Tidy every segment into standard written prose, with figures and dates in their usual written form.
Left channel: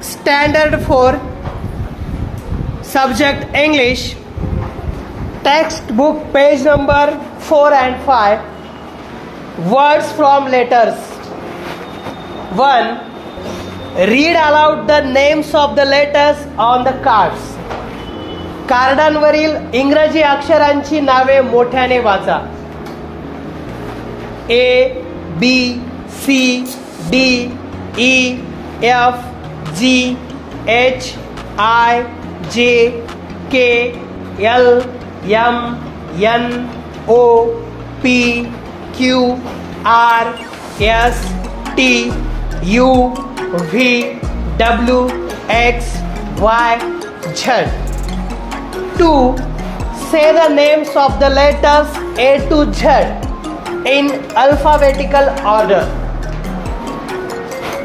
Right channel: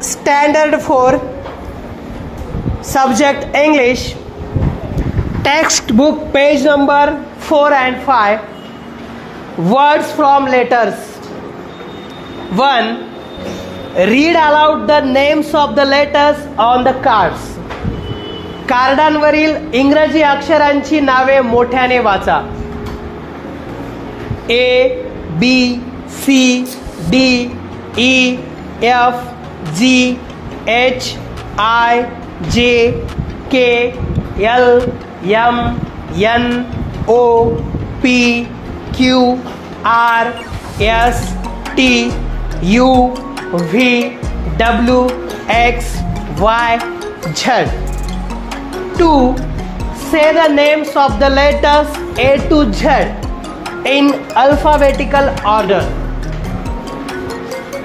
Standard 4, subject English, textbook page number 4 and 5. Words from letters. 1. Read aloud the names of the letters on the cards. कार्डांवरील इंग्रजी अक्षरांची नावे मोठ्याने वाचा. A, B, C, D, E, F, G, H, I, J, K, L, M, N, O, P, Q, R, S, T, U, V, W, X, Y, Z. 2. Say the names of the letters A to Z in alphabetical order.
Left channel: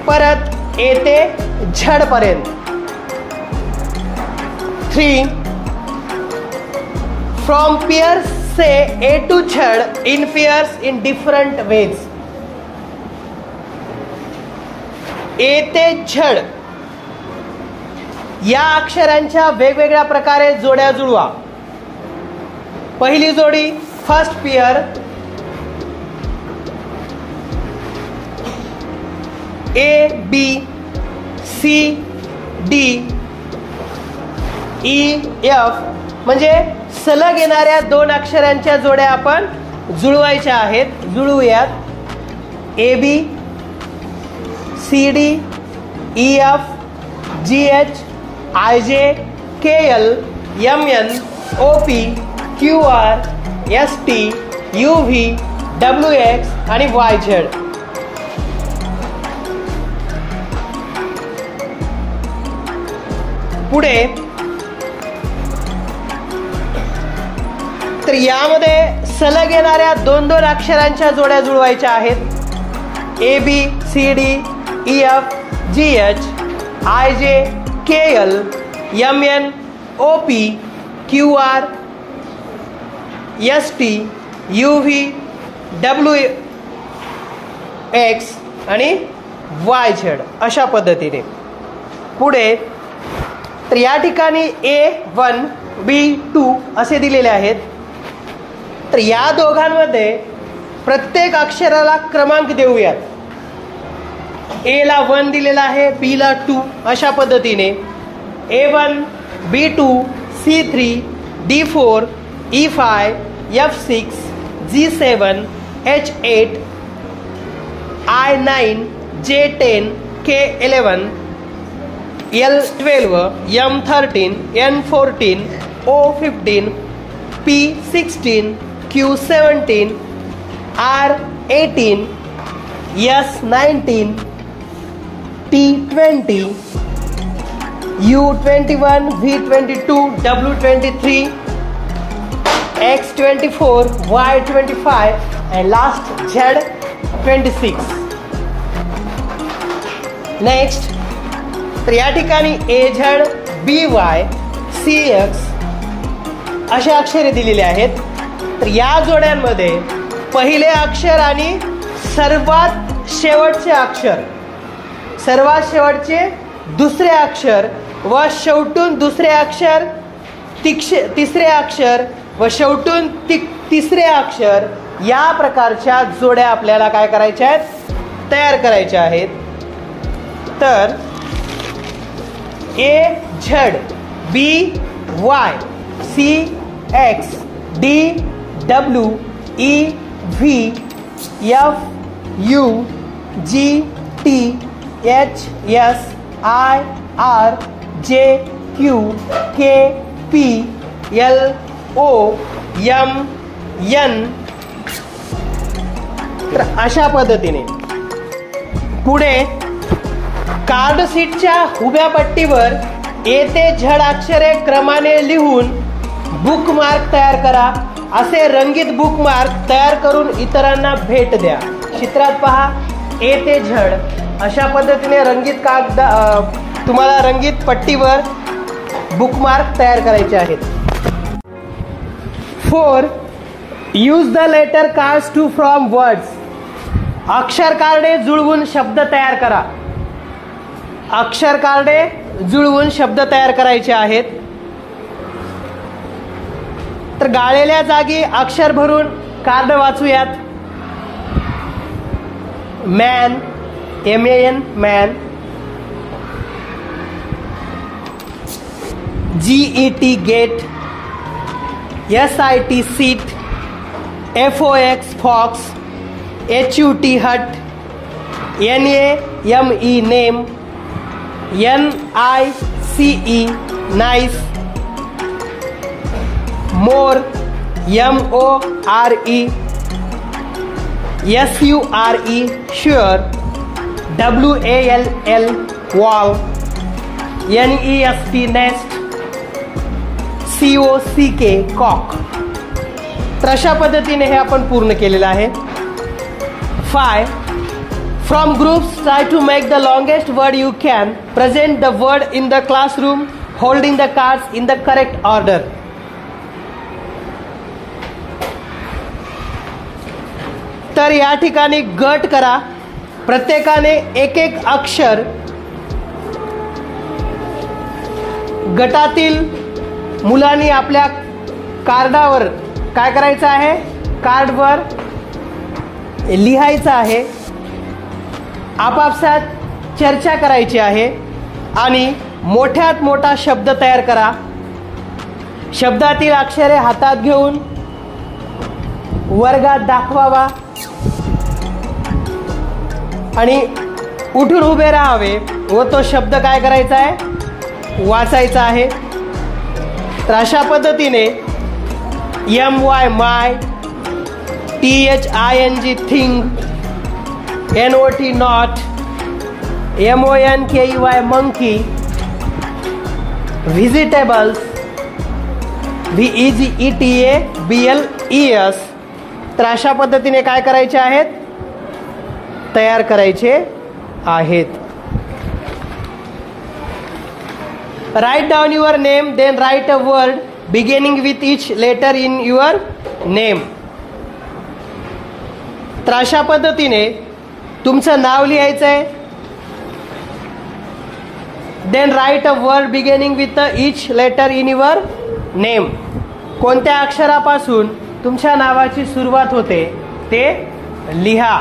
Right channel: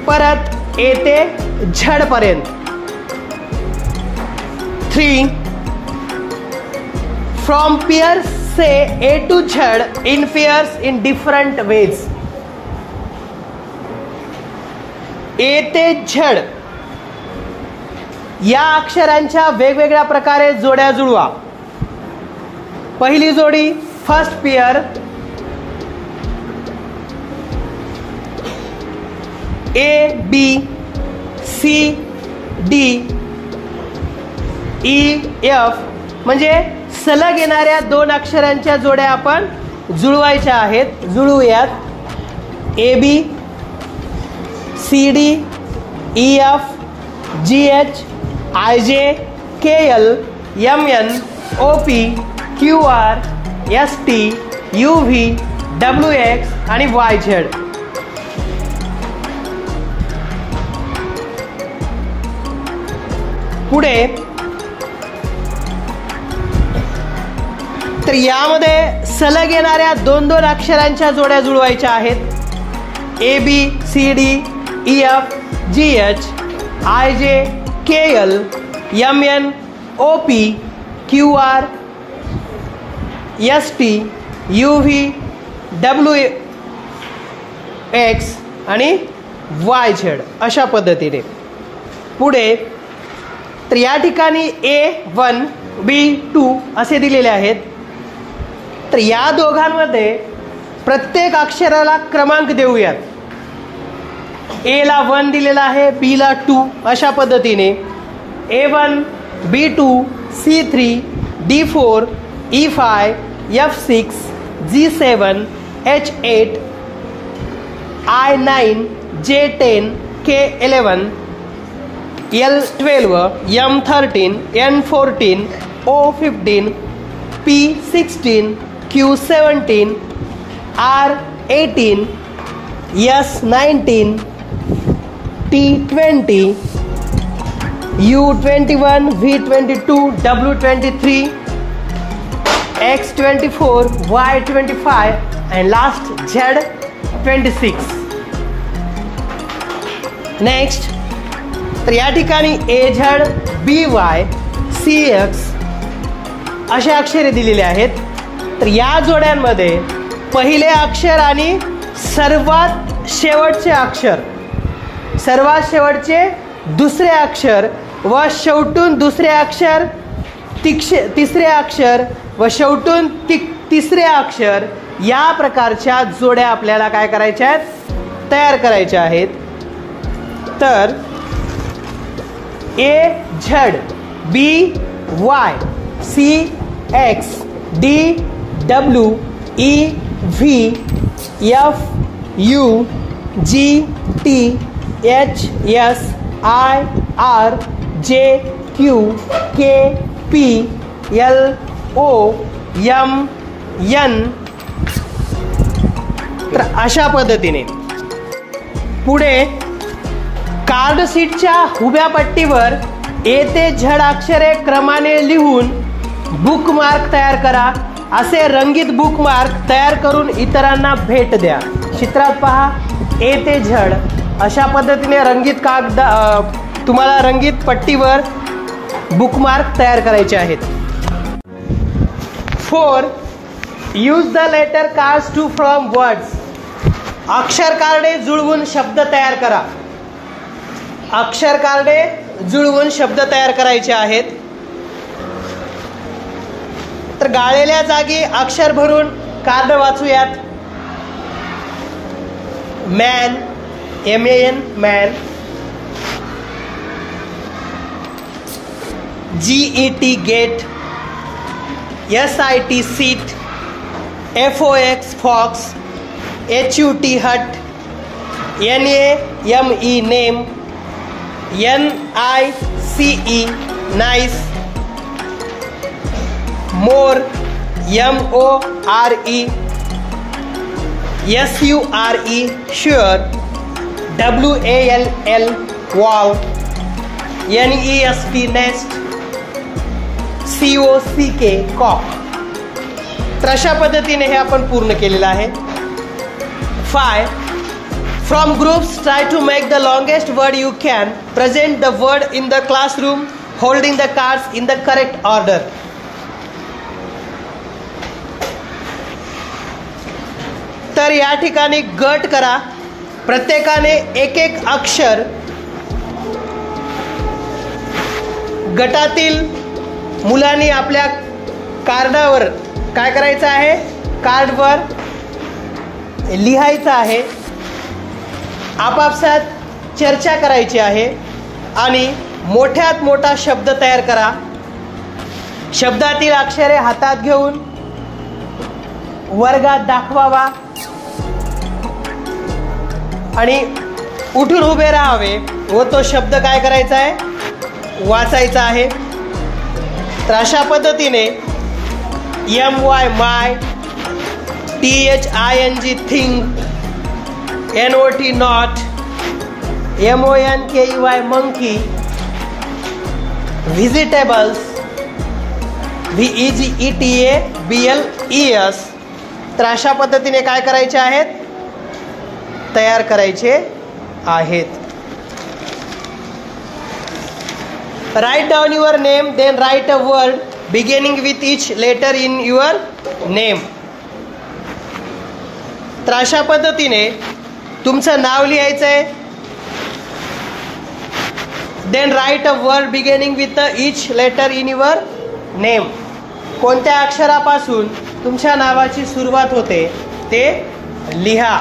परत A ते Z पर्यंत. 3. From pairs say A to Z in pairs in different ways. A ते Z या अक्षरांच्या वेगवेगळ्या प्रकारे जोड्या जुळवा. पहिली जोडी first pair A, B, C, D, E, F म्हणजे सलग येणाऱ्या दोन अक्षरांच्या जोड्या आपण जुळवायच्या आहेत. जुळवूयात. AB, CD, EF, GH, IJ, KL, MN, OP, QR, ST, UV, WX आणि YZ. पुढे तर यामध्ये सलग येणाऱ्या दोन दोन अक्षरांच्या जोड्या जुळवायच्या आहेत. AB, CD, EF, GH, IJ, KL, MN, OP, QR, ST, UV, WX आणि YZ अशा पद्धतीने. पुढे तर या ठिकाणी A1, B2 असे दिलेले आहेत. तर या दोघांमध्ये प्रत्येक अक्षराला क्रमांक देऊयात. A ला 1 दिलेला आहे, B ला 2 अशा पद्धतीने. A1, B2, C3, D4, E5, F6, G7, H8, I9, J10, K11, L12, M13, N14, O15, P16, Q17, R18, S19, T20, U21, V22, W23, X24, Y25 and last Z26. Next तर या ठिकाणी AZ, BY, CX असे अक्षरे दिलेले आहेत. तर या जोड्यांमध्ये पहिले अक्षर आणि सर्वात शेवटचे अक्षर, सर्वात शेवटचे दुसरे अक्षर व शेवटून दुसरे अक्षर, तिसरे अक्षर व शेवटून तिसरे अक्षर या प्रकारच्या जोड्या आपल्याला काय करायच्या आहेत, तयार करायच्या आहेत. तर AZ, BY, CX, DW, EV, FU, GT, HS, IR, JQ, KP, LO, MN तर अशा पद्धतीने. पुढे कार्ड शीटच्या उभ्या पट्टीवर A ते Z अक्षरे क्रमाने लिहून बुकमार्क तयार करा. असे रंगीत बुकमार्क तयार करून इतरांना भेट द्या. चित्रात पहा A ते Z अशा पद्धतीने रंगीत कागद तुम्हाला रंगीत पट्टीवर बुकमार्क तयार करायचे आहेत. 4. Use the letter cards to form words. अक्षर कार्डे जुळवून शब्द तयार करा. अक्षर कार्डे जुळवून शब्द तयार करायचे आहेत. तर गाळलेल्या जागी अक्षर भरून कार्ड वाचूयात. Man, MAN man, GET get, SIT sit, FOX fox, HUT hut, NAME name, NICE nice, more, MORE, SURE sure, WALL wall, NEST nest, COCK cock. तर अशा पद्धतीने हे आपण पूर्ण केलेलं आहे. 5. From groups, try to make the longest word you can. Present the word in the classroom, holding the cards in the correct order. तर या ठिकाणी गट करा. प्रत्येकाने एक एक अक्षर गटातील मुलांनी आपल्या कार्डावर काय करायचं आहे, कार्डवर लिहायचं आहे. आपापसात चर्चा करायची आहे आणि मोठ्यात मोठा शब्द तयार करा. शब्दातील अक्षरे हातात घेऊन वर्गात दाखवावा आणि उठून उभे राहावे व तो शब्द काय करायचा आहे, वाचायचा आहे. तर अशा पद्धतीने MY my, THING think, NOT not, MONKEY monkey, व्हिजिटेबल्स, VEGETABLES. तर अशा पद्धतीने काय करायचे आहेत, तयार करायचे आहेत. Write down your name, then write a word beginning with each letter in your name. तर अशा पद्धतीने तुमचं नाव लिहायचं आहे. Then write a word beginning with each letter in your name. कोणत्या अक्षरापासून तुमच्या नावाची सुरुवात होते ते लिहा.